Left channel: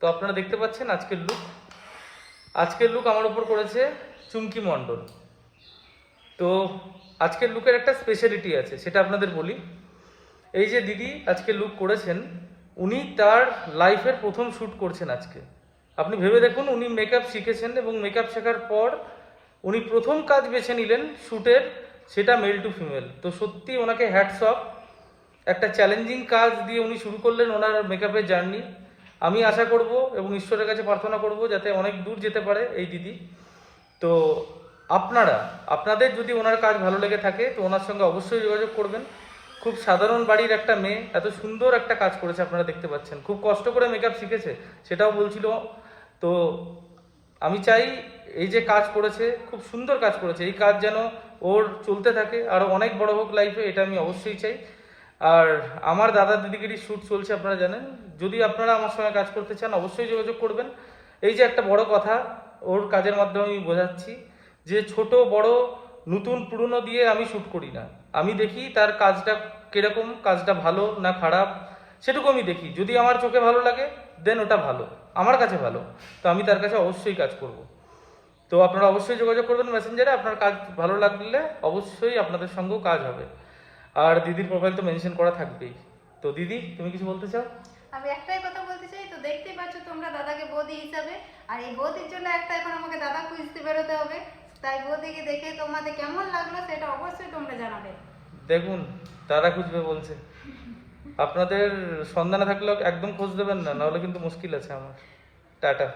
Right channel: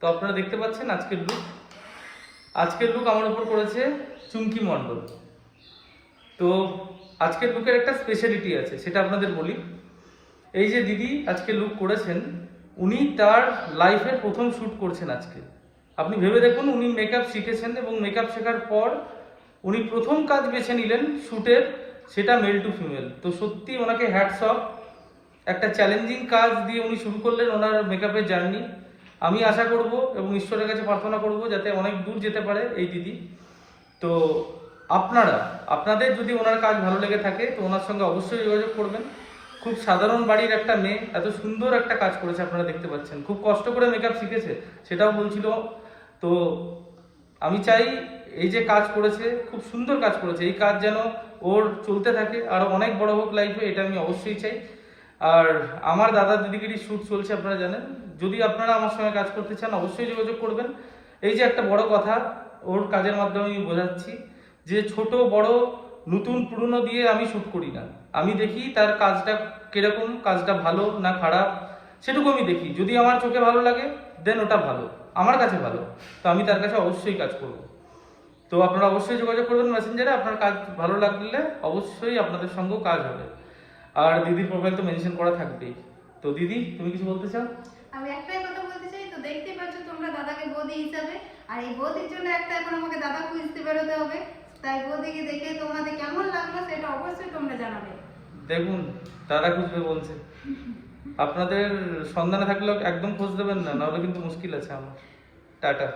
তো আপনারা দেখতে পাচ্ছেন আজকের লুক আমার উপর করেছে চুমকি মণ্ডল। তো আজকের লুকের একটা স্পেশালিটি আছে, সেটা আপনাদের বলি। এই যে দিদি আজকে লুক করেছেন, উনি তার লাইফের প্রথম শ্যুট করছেন আজকে। আপনি ভেবে দেখুন, উনি মেকআপ শিখেছেন এবং মেকআপ শেখার পর উনি প্রথম কাজ বেছে নিলেন শ্যুটের, সেটা মেল টু ফিমেল। তো সত্যি ওনাকে হ্যাটস অফ। একটা চ্যালেঞ্জিং কাজ দিয়ে উনি শুরু করলেন ওনার মেকআপের জার্নি। আমি আশা করব এবং ঈশ্বরের কাছে প্রার্থনা করব যাতে অনেক দূর যেতে পারে এই দিদি। তো আপনাদের যদি ওনার কাজ ভালো লেগে থাকে তো ওনার সঙ্গে অবশ্যই যোগাযোগ করবেন। খুব সাধারণ বাড়ির একটা মেয়ে এত সুন্দর একটা কাজ করেছে, আপনারা দেখতে পাচ্ছেন। খুব কষ্ট করে মেকআপ শিখেছে, সেটাও বলছিল। তো আমি চাই এই যে কাজ করেছে, খুব সুন্দর কাজ করেছে, এই কাজ যেন ওর চলতে থাকে, আরো অনেক বড় হোক লাইফে, এটা আমি অবশ্যই চাই। আর আমার দাদা দিদিগিরি শ্যুট চলছে, আপনারা জানেন। যদি আপনারা আমার সঙ্গে কাজ করতে চান অবশ্যই যোগাযোগ করবেন। এই যে একটা বড় কথা ওর কাজের মাধ্যমে আমি বোঝাচ্ছি যে ছোট বড় নতুন পুরনো দিয়ে আমি শ্যুট করি না। আমি দেখি তার কাজটা কিরকম, কাজটা ভালো না খারাপ সেটুকু আমি দেখি। যদি আমার চোখে ভালো লাগে দেন ওটা ভালো, আমার কাছে ভালো, তো আমি তার কাছে অবশ্যই কাজ করব। তো আপনারা অবশ্যই যোগাযোগ করবেন মেসেঞ্জারে। আপনার কাজ ভালো লাগলে অবশ্যই আপনাদের সঙ্গেও কাজ হবে। আর দিদির প্রোফাইল তো মেনশন করা থাকবেই। তো দিদি, তুমি কিছু বলতে চাও? আমি একটাই কথা বলতে চাই, তো দেখতেই পাচ্ছ তোমরা দাদাকে বৌদি হিসাবে, আর এই বৌদির জন্য একটা এখন আমাকে দাদা খুঁজতে বেরোতে হবে। তাই বৌদিকে দেখে তোমাদের কেমন লাগলো সেটা অবশ্যই তোমরা জানাবে। দেখুন, দাদা খুঁজবে বলছে। আপনাদের সন্ধানে থাকলে একদম খোঁজ দেবেন না, নাহলে কিন্তু মুশকিল আছে আমার। টাটা।